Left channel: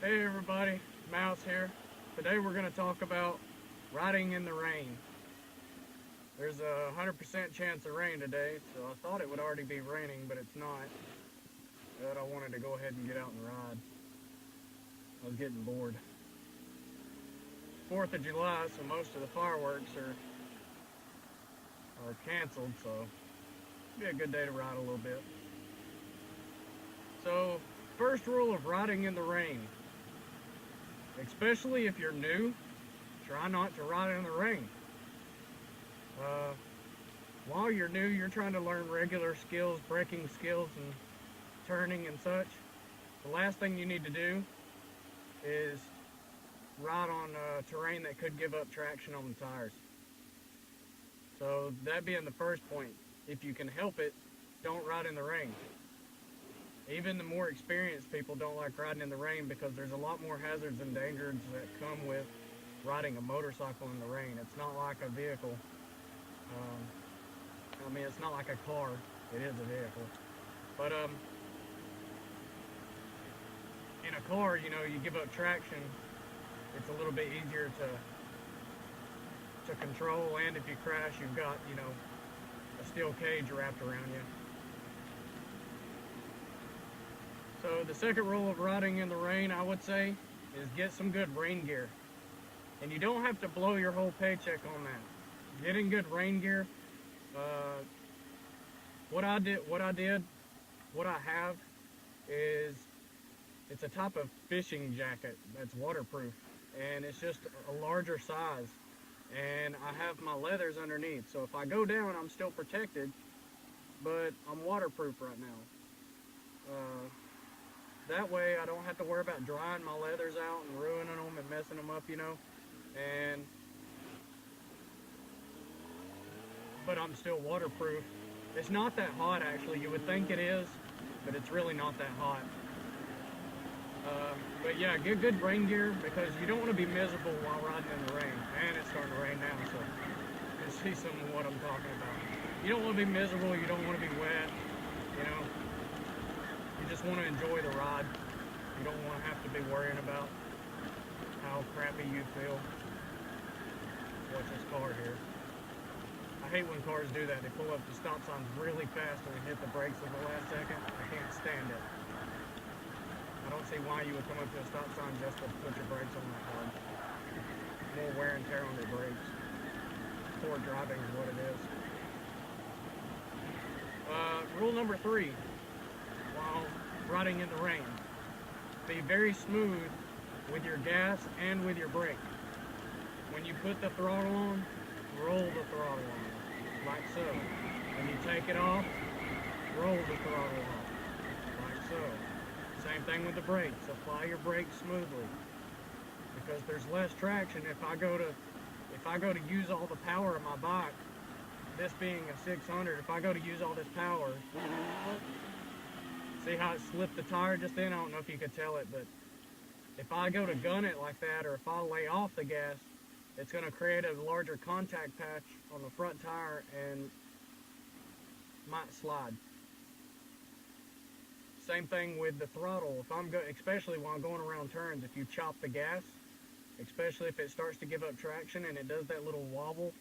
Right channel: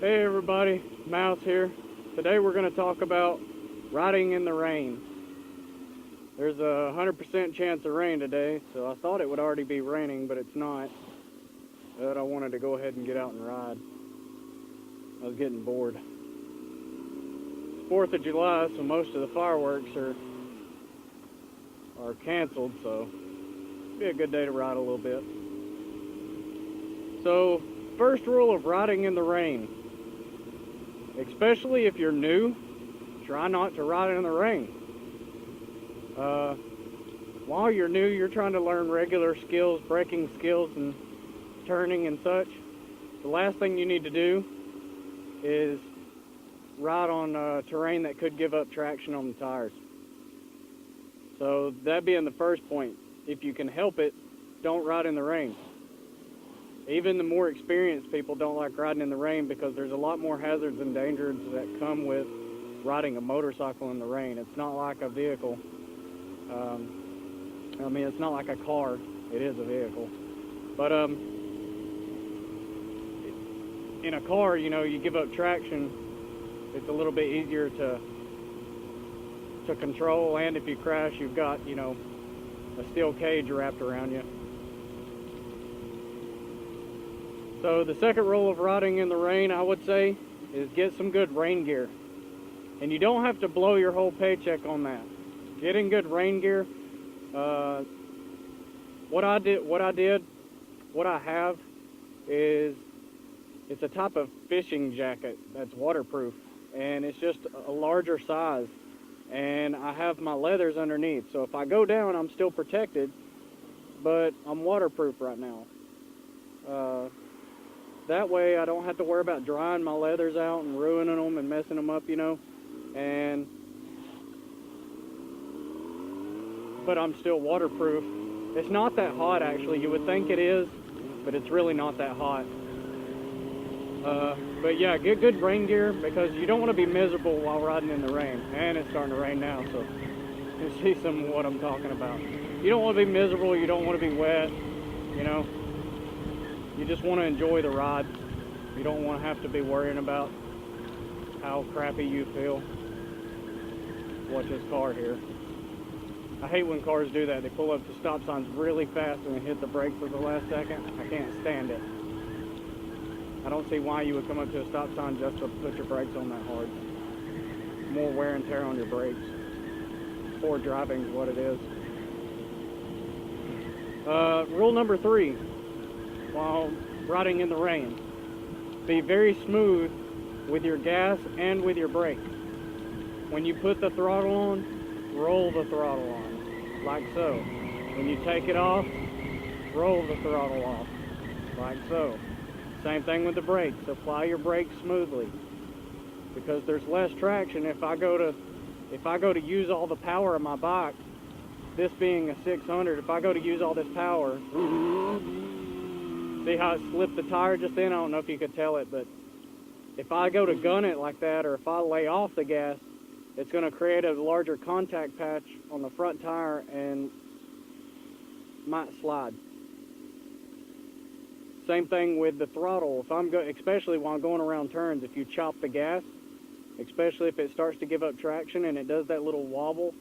Hey everybody, Mouse here. Today we're going to talk about riding in the rain. There's a 100% chance of rain today, so I thought it would already be raining, but it's not. But I wanted to go ahead and get out and ride. I was getting bored. It's 4th of July, so most of the fireworks are canceled, so it'll be a good day to ride a little bit. So, first rule of riding in the rain. Especially if you're new, try not to ride in the rain. While you're new, you're trying to learn regular skills, braking skills, and turning and such. The last thing you need to do is ride on terrain that could give up traction on the tires. So that being the first point, if you can help it, don't ride in the rain. Even the more experienced people don't like riding in the rain because there's a lot more hazards and dangers that come with riding a motorcycle in the rain. It's not like a vehicle. It's not like a car. It is a vehicle. But in a car, you give up traction. It's a little bit easier to control, and if you crash, you've got, a steel cage wrapped around you. So the second rule of riding in the rain, I would say, is get some good rain gear. And you don't have to blow your whole paycheck on that. Getting good rain gear, what I have is, it's a type of fishing jacket that's waterproof. And it's just a larger size. And I have my leathers underneath. So if I go down, I'm still protected, but I'm waterproof right now. That way I don't have to worry about drying my leathers out and ruining them and messing them up, but I'm still waterproof. It's not that hot, actually. You would think it is, but it's really not that hot. But yeah, get good rain gear, because you don't want to be miserable while riding in the rain. And it's starting to rain now, so you see some of what I'm talking about. You don't want to be miserable, you don't want to be wet, You just want to enjoy the ride. You don't want to have to be worrying about how crappy you feel. Watch this car here. I hate when cars do that. They pull up to stop signs really fast and hit the brakes at the last second. I can't stand it. I don't see why you would come up to a stop sign just to put your brakes on that hard. More wear and tear on your brakes. Poor driving is what it is. Rule number 3. While riding in the rain, be very smooth with your gas and with your brake. When you put the throttle on, roll the throttle on, like so. When you take it off, roll the throttle off, like so. Same thing with the brakes. Apply your brakes smoothly, because there's less traction. If I go to use all the power of my bike, this being a 600, if I go to use all this power, see how it slipped the tire just then? I don't know if you could tell it, but if I go to gun it like that, or if I lay off the gas, it's going to create a larger contact patch on the front tire and might slide. Same thing with the throttle. Especially while I'm going around turns, if you chop the gas, especially if it starts to give up traction and it does that little wobble,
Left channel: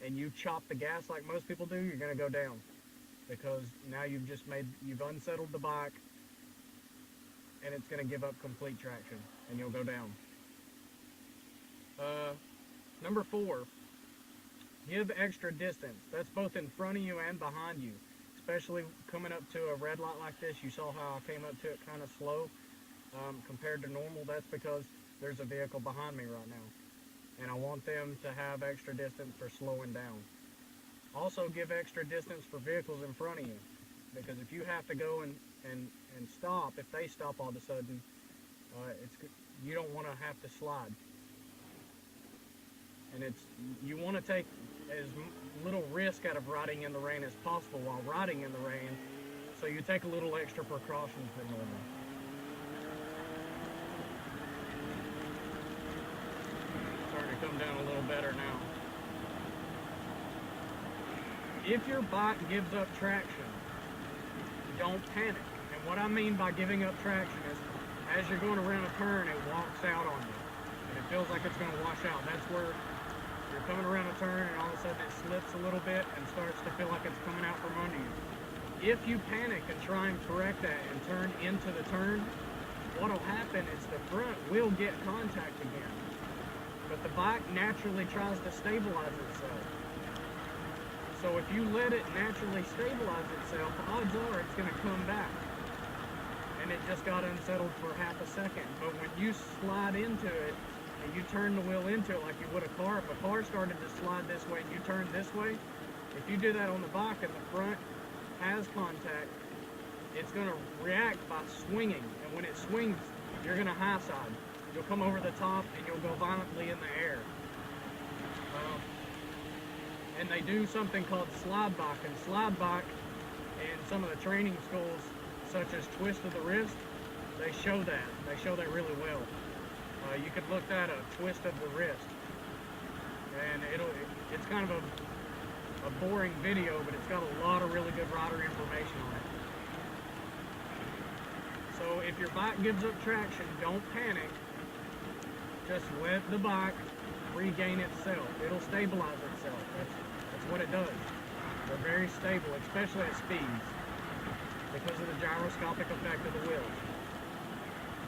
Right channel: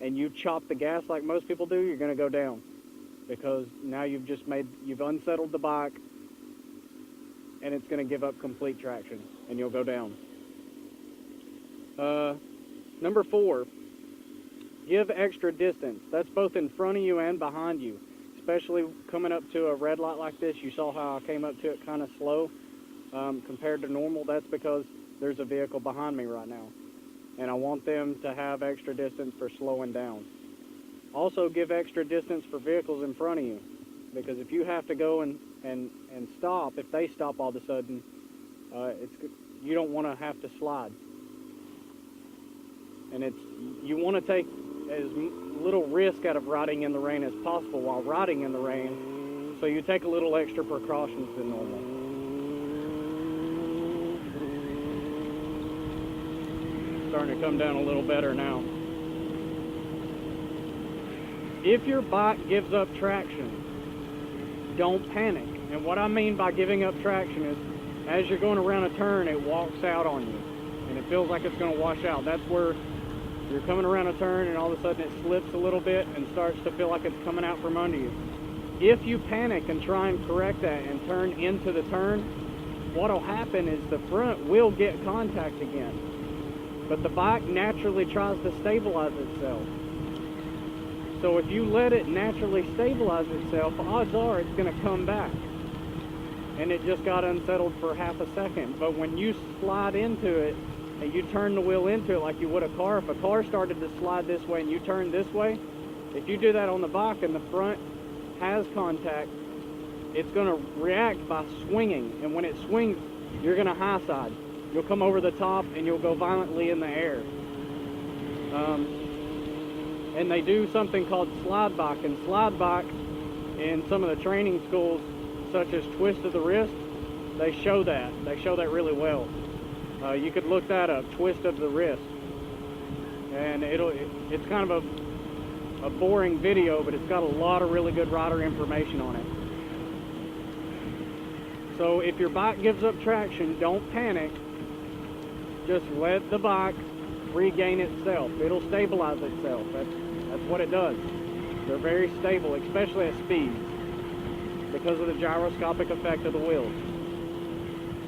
and you chop the gas like most people do, you're going to go down. Because now you've unsettled the bike, and it's going to give up complete traction, and you'll go down. Number 4, give extra distance. That's both in front of you and behind you. Especially coming up to a red light like this, you saw how I came up to it kind of slow compared to normal. That's because there's a vehicle behind me right now, and I want them to have extra distance for slowing down. Also, give extra distance for vehicles in front of you, because if you have to go and stop, if they stop all of a sudden, you don't want to have to slide. And you want to take as little risk out of riding in the rain as possible while riding in the rain, so you take a little extra precautions than normal. Starting to come down a little better now. If your bike gives up traction, don't panic. And what I mean by giving up traction is as you're going around a turn, it walks out on you, and it feels like it's going to wash out. That's where you're coming around a turn, and all of a sudden it slips a little bit and starts to feel like it's coming out from under you. If you panic and try and correct that and turn into the turn, what'll happen is the front will get contact again, but the bike naturally tries to stabilize itself. So if you let it naturally stabilize itself, odds are it's going to come back. And it just got unsettled for half a second. But when you slide into it and you turn the wheel into it like you would a car, if a car started to slide this way and you turn this way, if you do that on the bike and the front has contact, it's going to react by swinging. And when it swings, you're going to high side. You'll come over the top and you'll go violently in the air. And they do something called slide bike. And slide bike in some of the training schools, such as twist of the wrist, they show that. They show that really well. You could look that up, twist of the wrist. And it's kind of a boring video, but it's got a lot of really good rider information on it. So if your bike gives up traction, don't panic. Just let the bike regain itself. It'll stabilize itself. That's what it does. They're very stable, especially at speeds, because of the gyroscopic effect of the wheels.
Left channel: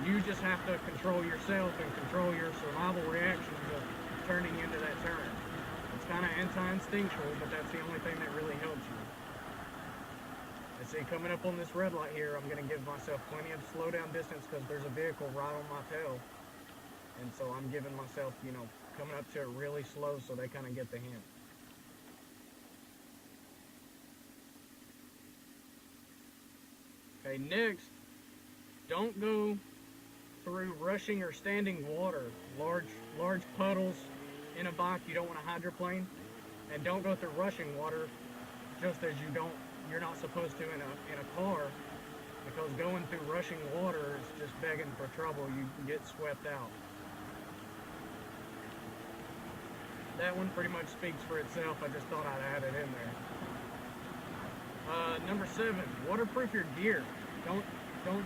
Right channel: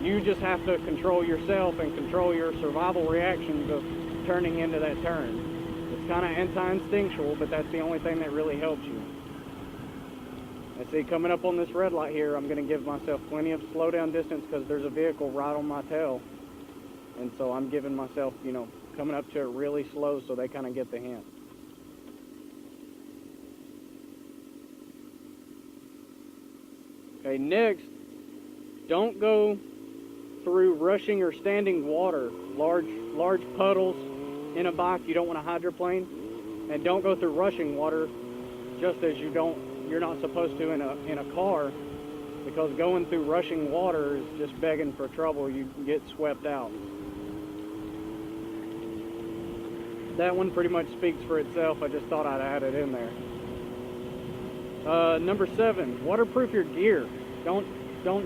You just have to control yourself and control your survival reactions of turning into that turn. It's kind of anti-instinctual, but that's the only thing that really helps you. And see, coming up on this red light here, I'm going to give myself plenty of slowdown distance because there's a vehicle right on my tail. And so I'm giving myself, you know, coming up to it really slow so they kind of get the hint. Okay, next, don't go through rushing or standing water, large puddles in a bike you don't want to hydroplane, and don't go through rushing water just as you're not supposed to in a car, because going through rushing water is just begging for trouble. You get swept out. That one pretty much speaks for itself. I just thought I'd add it in there. Number 7, waterproof your gear. Don't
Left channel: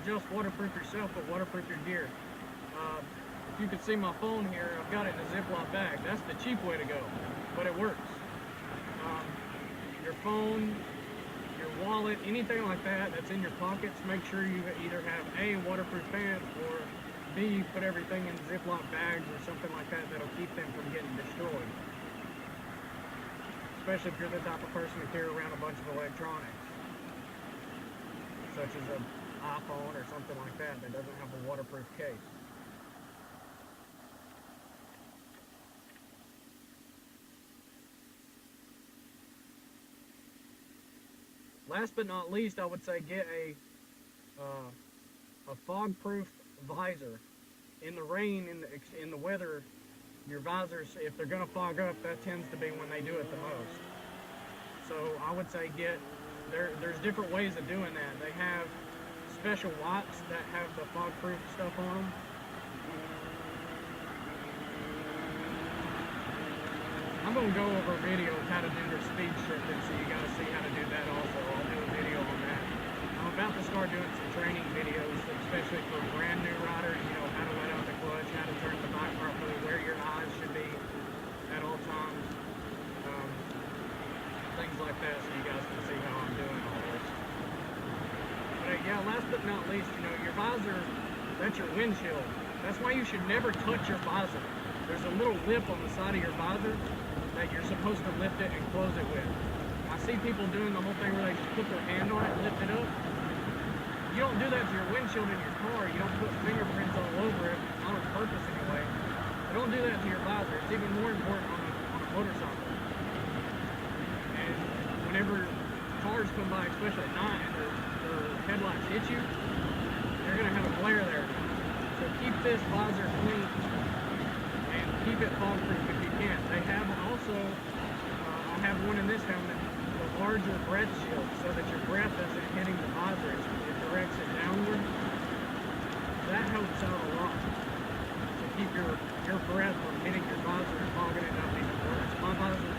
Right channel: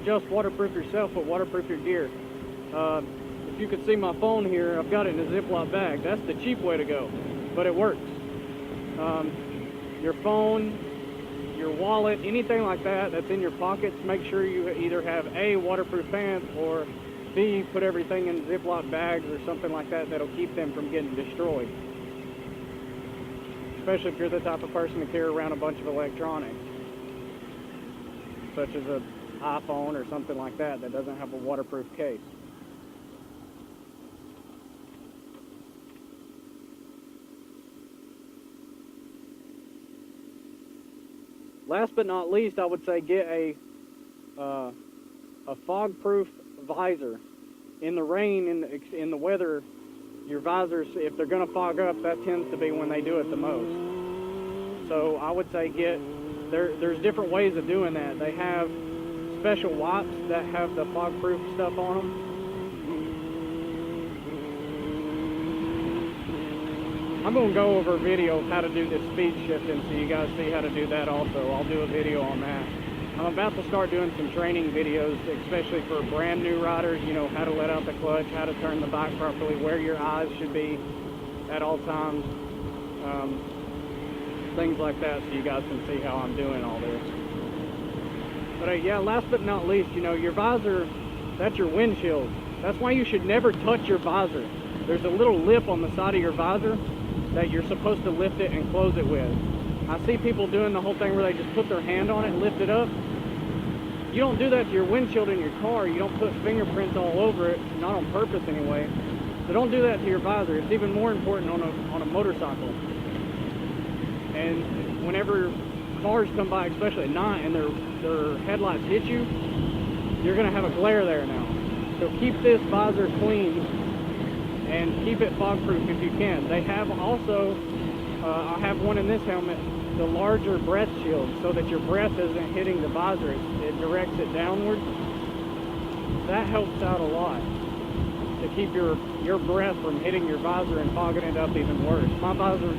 just waterproof yourself, but waterproof your gear. If you could see my phone here, I've got it in a Ziploc bag. That's the cheap way to go, but it works. Your phone, your wallet, anything like that that's in your pockets, make sure you either have A, waterproof pants, or B, put everything in Ziploc bags or something like that that'll keep them from getting destroyed. Especially if you're the type of person to carry around a bunch of electronics, such as an iPhone or something like that that doesn't have a waterproof case. Last but not least, I would say get a fog-proof visor. In the rain, in the weather, your visors, if they're going to fog up, that tends to be when they do it the most. So I would say there's different ways of doing that. They have special wipes that have the fog-proof stuff on them. I'm going to go over a video of how to do this speed shifting so you guys see how to do that also. I'll do a video on that. I'm about to start doing some training videos, especially for brand new riders, you know, how to let out the clutch, how to turn the bike properly, where your eyes should be at all times, things like that, so you guys can see how I'm doing all this. But yeah, last but not least, you know, your visor, that's your windshield. That's why you should never touch your visor. There's a little lip on the side of your visor that you're supposed to lift it and close it with. I see people doing the whole thing where they just put their hand on it and lift it up. You don't do that to your windshield in your car. You don't put fingerprints all over it, not on purpose anyway. So don't do that to your visor. It's even more important on a motorcycle. And whenever cars come by, especially at night, and their headlights hit you, you're going to have a glare there now. So keep this visor clean and keep it fog-proof if you can. They have also, I have one in this helmet, the larger breath shield, so that your breath isn't hitting the visor. It directs it downward. That helps out a lot to keep your breath from hitting your visor and fogging it up even worse. My visor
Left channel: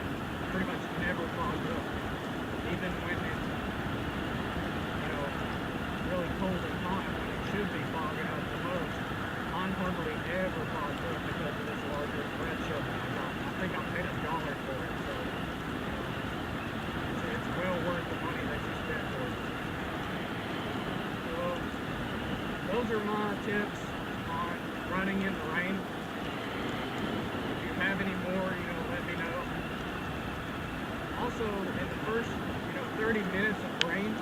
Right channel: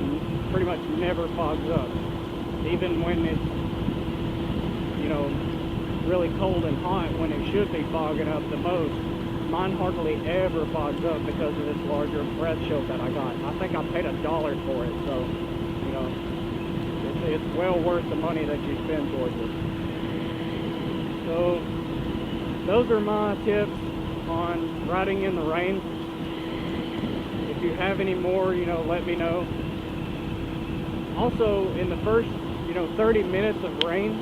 pretty much never fogs up, even when it's, you know, really cold and hot when it should be fogging up the most. Mine hardly ever fogs up because of this larger breath shield that I got. I think I paid $1 for it, so you know, it's well worth the money that you spend towards it. So those are my tips on riding in the rain. If you have any more, you know, let me know. Also, in the first, 30 minutes of rain,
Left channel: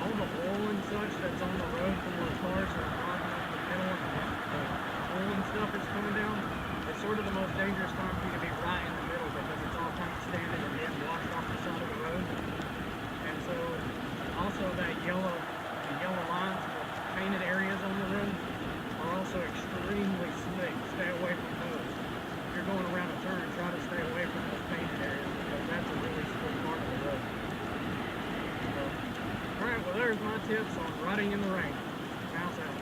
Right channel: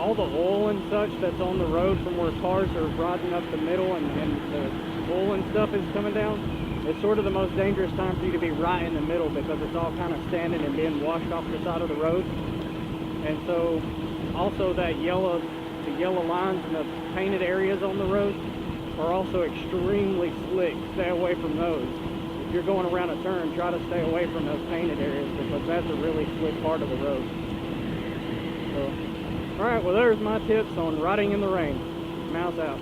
all the oil and such that's on the road from where cars are riding up the middle and the oil and stuff is coming down, it's sort of the most dangerous time for you to be right in the middle because it's all kind of standing and being washed off the side of the road. And so also the yellow lines and the painted areas on the road are also extremely slick. Stay away from those. If you're going around a turn, try to stay away from those painted areas because that's a really slick part of the road. So, alright, well there's my tips on riding in the rain. Mouse out.